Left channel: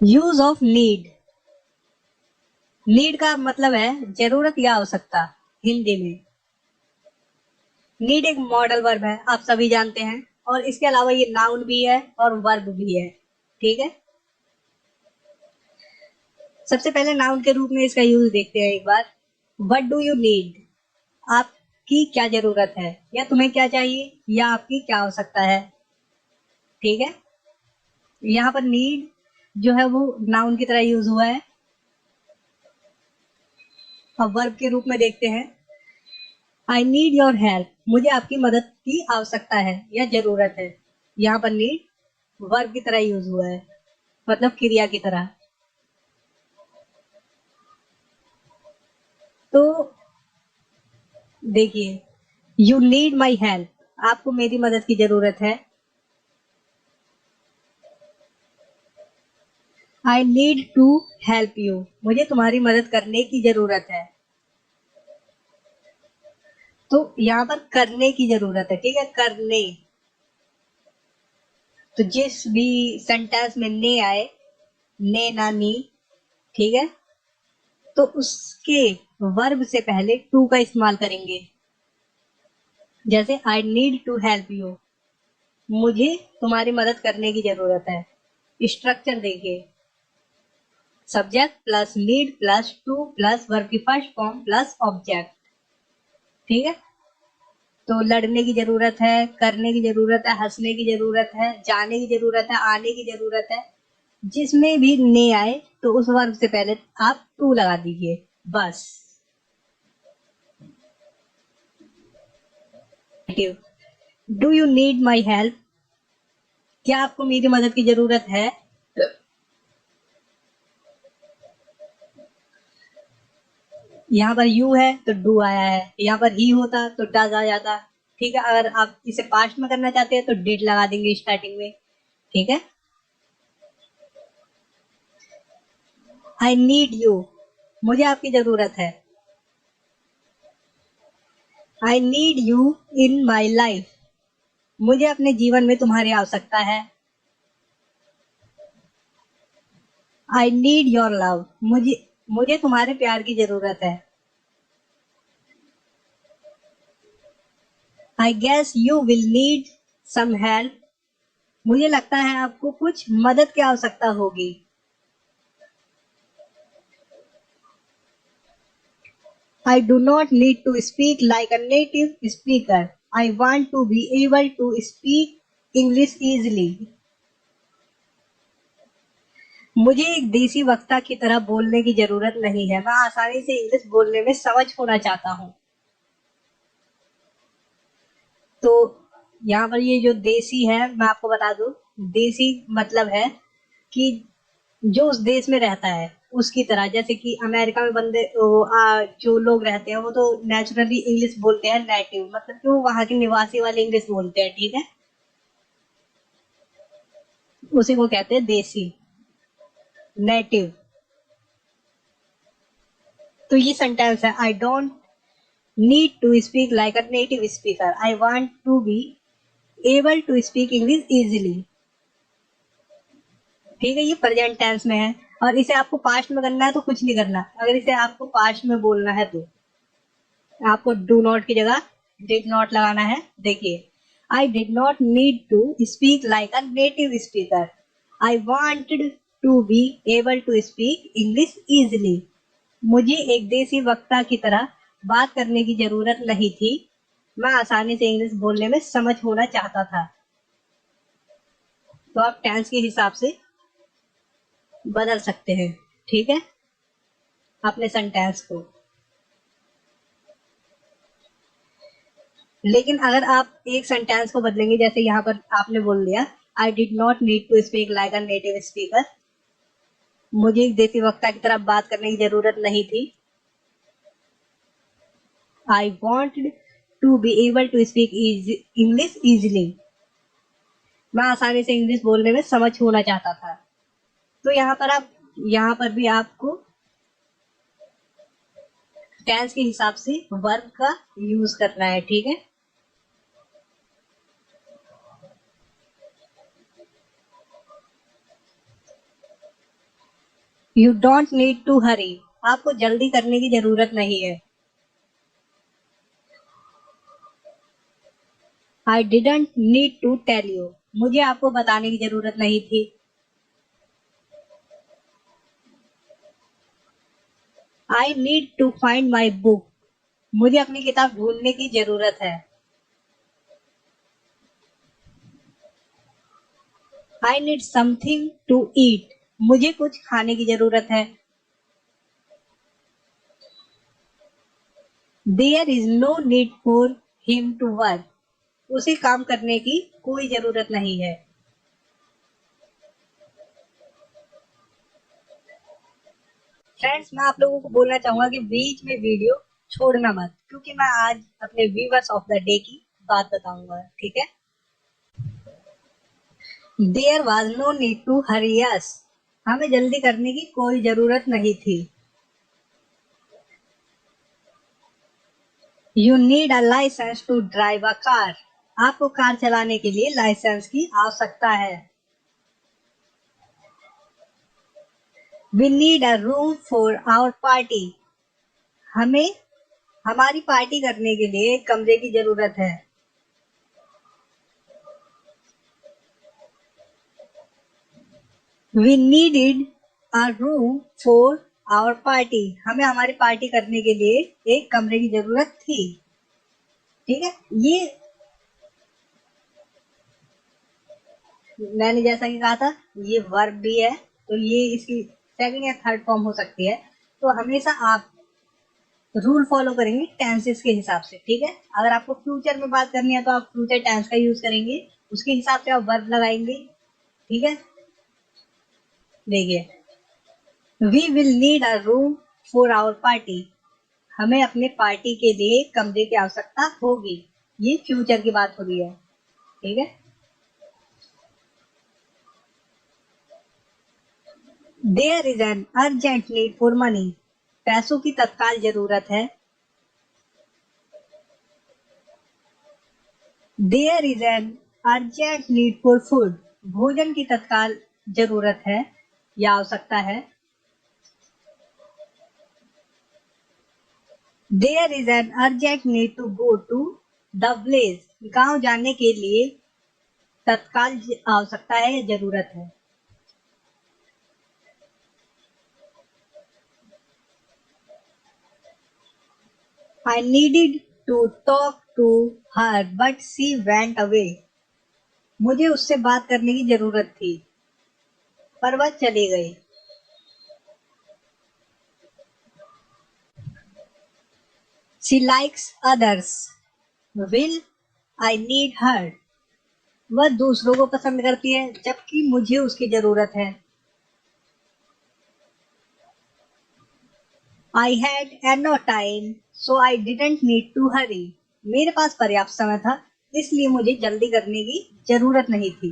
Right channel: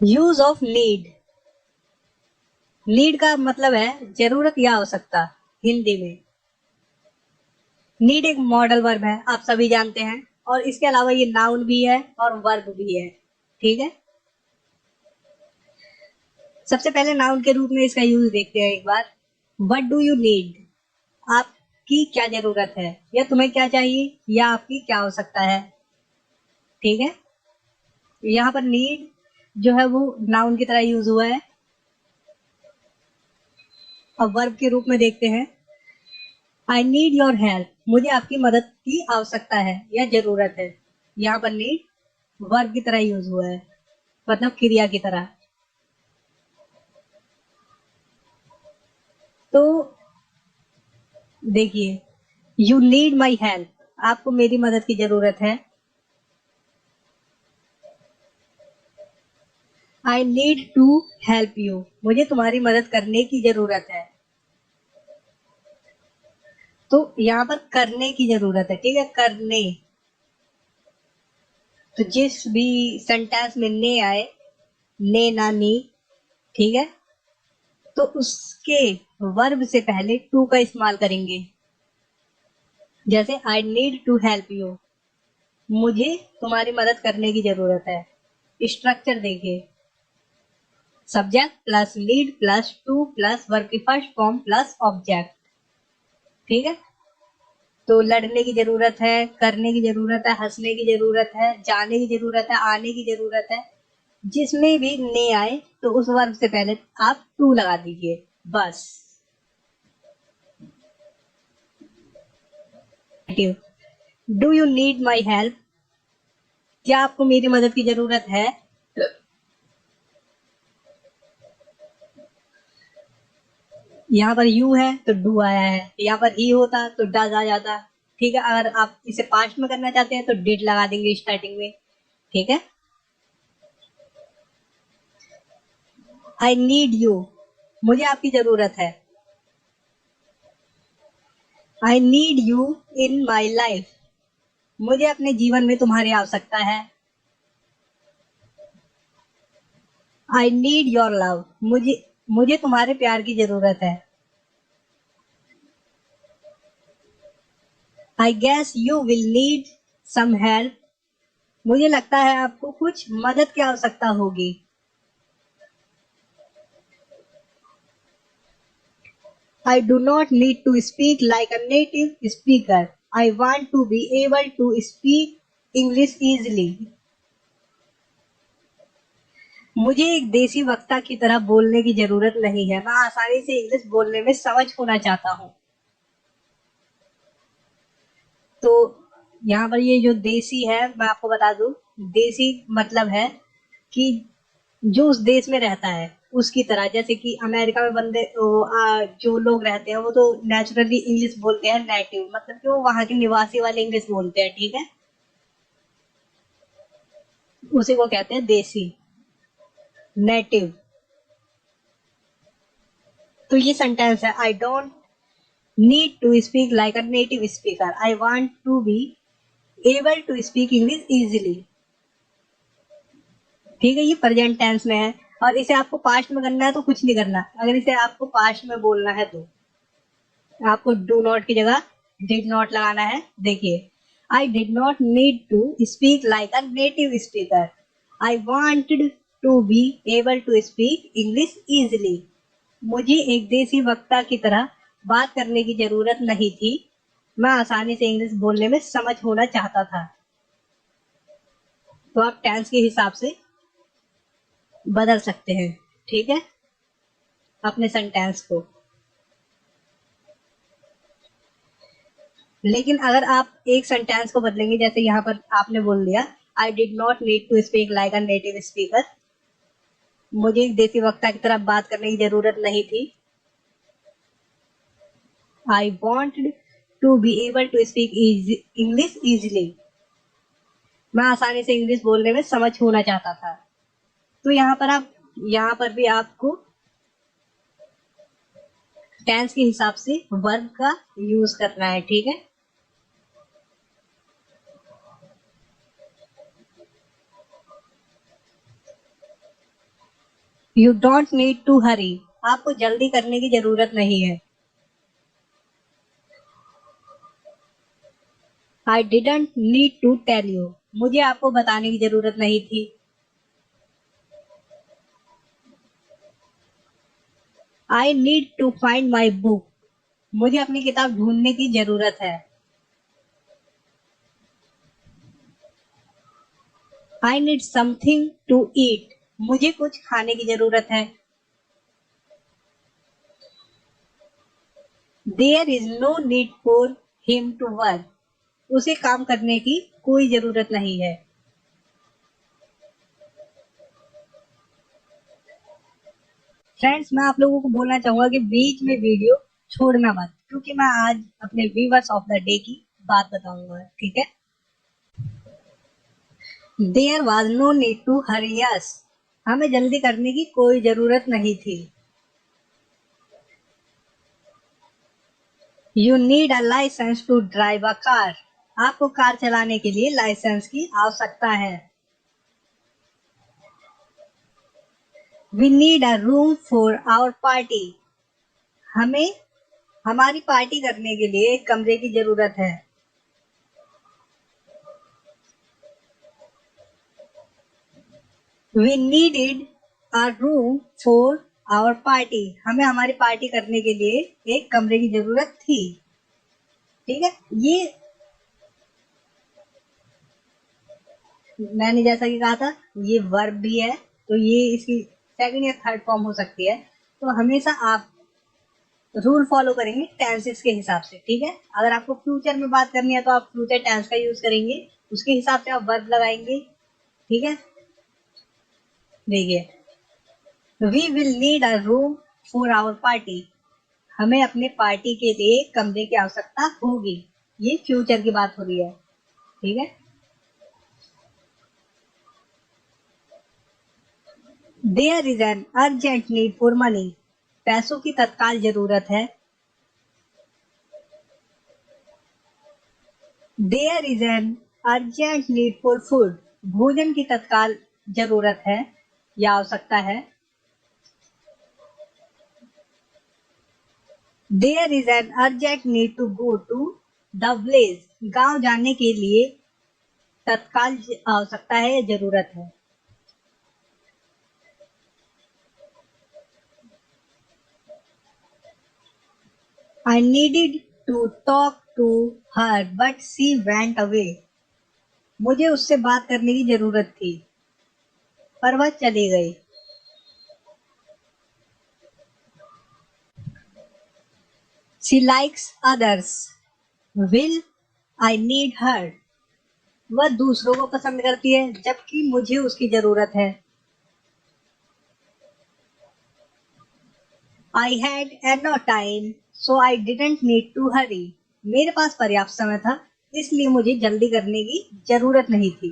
Use of need. Need का मतलब है जरूरत या आवश्यकता हिंदी में। नीड एक मॉडल वर्ब है, आप सभी जानते हैं, और इसके अलावा ये नाउन भी है और वर्ब भी है। ठीक है, सबसे पहले नाउन के रूप में इसका यूज देखते हैं एक बार। What do you need? आपकी क्या जरूरत है, या तुम्हें क्या चाहिए, या आपकी क्या आवश्यकता है। ठीक है, यहाँ पर नीड जो है वो नाउन की तरह यूज हुआ है। अब वर्ब के रूप में देखते हैं। आई नीड योर हेल्प, मुझे आपकी मदद की आवश्यकता है या जरूरत है। यहाँ पर नीड वर्ब की तरह यूज हुआ है, मतलब क्रिया की तरह। तो देखिए, यू नीड माई हेल्प, आपको मेरी मदद की जरूरत है। I need to help you, मुझे तुम्हारी मदद करने की जरूरत है। तो यहाँ पर करने की जरूरत है, ठीक है, करने। तो जिस भी सेंटेंस में ने आए, ने ना नी, ठीक है, तो उसके वर्ब से पहले टू का इस्तेमाल करेंगे। जैसे I need to help you, मुझे तुम्हारी मदद करने की जरूरत है। स्ट्रक्चर देखिए, subject plus need plus to plus verb की फर्स्ट फॉर्म प्लस ऑब्जेक्ट। ठीक है, तो लड़ने की जरूरत है, करने की जरूरत है, हंसने की जरूरत है, जाने की जरूरत है, आने की जरूरत है। जिसमें भी ने आए तो उस वर्ब से पहले आप टू लगा दीजिए, बस। Do you need my help, क्या आपको मेरी मदद की जरूरत है। यहाँ पर यू है तो डू आया है, यहाँ पर ही होता तो डज आ जाता। ठीक है, अगर आप इसे पास्ट में करना चाहते हैं तो डिड लगा देंगे स्टार्टिंग में। ठीक है, आई नीड यू, मुझे आपकी जरूरत है। I need you in my life, मुझे अपने जीवन में तुम्हारी आवश्यकता है। आई नीड योर लव, मुझे मुझे तुम्हारे प्यार की जरूरत है। I guess you will need some help, मुझे लगता है आपको कुछ मदद की आवश्यकता होगी। I do not need to speak like a native speaker. I want to be able to speak English easily. मुझे एक देसी वक्ता की तरह बोलने की जरूरत नहीं है, मैं आसानी से इंग्लिश बोलने में समझ होना चाहता हूँ। तो यहाँ पर ये जो देसी है, मैं आपको बता दूं, देसी मतलब है कि जो उस देश में रहता है उसकी तरह। जैसे कि अमेरिका में बंदे जो लोग रहते हैं वो तो नेचुरली इंग्लिश बोलते हैं, नेटिव मतलब कि वो वहाँ के निवासी वाले इंग्लिश बोलते हैं। ठीक है, उसे वो कहते हैं देसी, नेटिव। तो ये सेंटेंस है, I don't need to speak like a native speaker, I want to be able to speak English easily. ठीक है, ये प्रेजेंट टेंस में है, और इसे आपको पास्ट में करना है तो कुछ नहीं करना। अगर इसे आपको पास्ट में बोलना है तो आपको डू नॉट की जगह डिड नॉट लगाना है। देखिए, I did not need to speak like a native speaker, I wanted to be able to speak English easily. मुझे एक देसी वक्ता की तरह बात करने की जरूरत नहीं थी, मैं आसानी से इंग्लिश बोलने में समझ होना चाहता था। तो आप टेंस के हिसाब से बदल सकते हैं, ठीक है, अपने सेंटेंस को। लेकिन अगर आप एक सेंटेंस को बदलेंगे, जैसे यहाँ पर आपने बोल दिया I did not need to speak like a native speaker, मुझे एक देसी वक्ता की तरह बात करने की जरूरत नहीं थी। I wanted to be able to speak English easily, मैं आसानी से इंग्लिश बोलने में समझ होना चाहता था। तो यहाँ पर भी आपको टेंस के हिसाब से वर्ब का यूज करना है। ठीक है, you don't need to hurry, आपको जल्दी करने की जरूरत नहीं है। I didn't need to tell you, मुझे आपको बताने की जरूरत नहीं थी। I need to find my book, मुझे अपनी किताब ढूंढने की जरूरत है। I need something to eat, मुझे कुछ खाने की जरूरत है। There is no need for him to work, उसे काम करने की कोई जरूरत नहीं है। फ्रेंड्स, मैं आप लोगों को बोलना चाहूंगा कि बीच में वीडियो छोड़ना मत, क्योंकि मैं आज अपने व्यूवर्स ऑफ द डे की बात बताऊंगा, ठीक है। There was no need to hurry us, हमें जल्दी करने की कोई जरूरत नहीं थी। You need a licence to drive a car, आपको कार चलाने के लिए लाइसेंस की आवश्यकता है। We need a room for our party, हमें हमारी पार्टी करने के लिए एक कमरे की जरूरत है। We needed a room for our party, हमें हमारी पार्टी करने के लिए एक कमरे की जरूरत थी। ठीक है, ये मैंने जैसा कि कहा था, ये वर्ब भी है, तो ये इसकी सेकंड या थर्ड फॉर्म हो सकती है। तो हमेशा आप रूल फॉलो करेंगे टेंसेस के हिसाब से, ठीक है। अगर आपको फ्यूचर में बात करनी है तो आप फ्यूचर टेंस का यूज करेंगे, उसके हिसाब से आप वर्ब लगाएंगे, ठीक है। देखिए, we will need a room for our party, हमें अपने पार्टी के लिए कमरे की आवश्यकता होगी, ये फ्यूचर की बात हो रही है, ठीक है। There is an urgent need for money, पैसों की तत्काल जरूरत है। There is an urgent need for food, भोजन की तत्काल जरूरत है या आवश्यकता है। There is an urgent need to go to the village, गांव जाने के लिए तत्काल आवश्यकता है या जरूरत है। I needed to talk to her but she went away, मुझे उससे बात करने की जरूरत थी पर वह चली गई। She likes others, will I need हर, वह दूसरों को पसंद करती है जबकि मुझे उसकी जरूरत है। I had enough time so I didn't need to hurry, मेरे पास पर्याप्त समय था इसलिए मुझे जल्दी करने की जरूरत नहीं थी।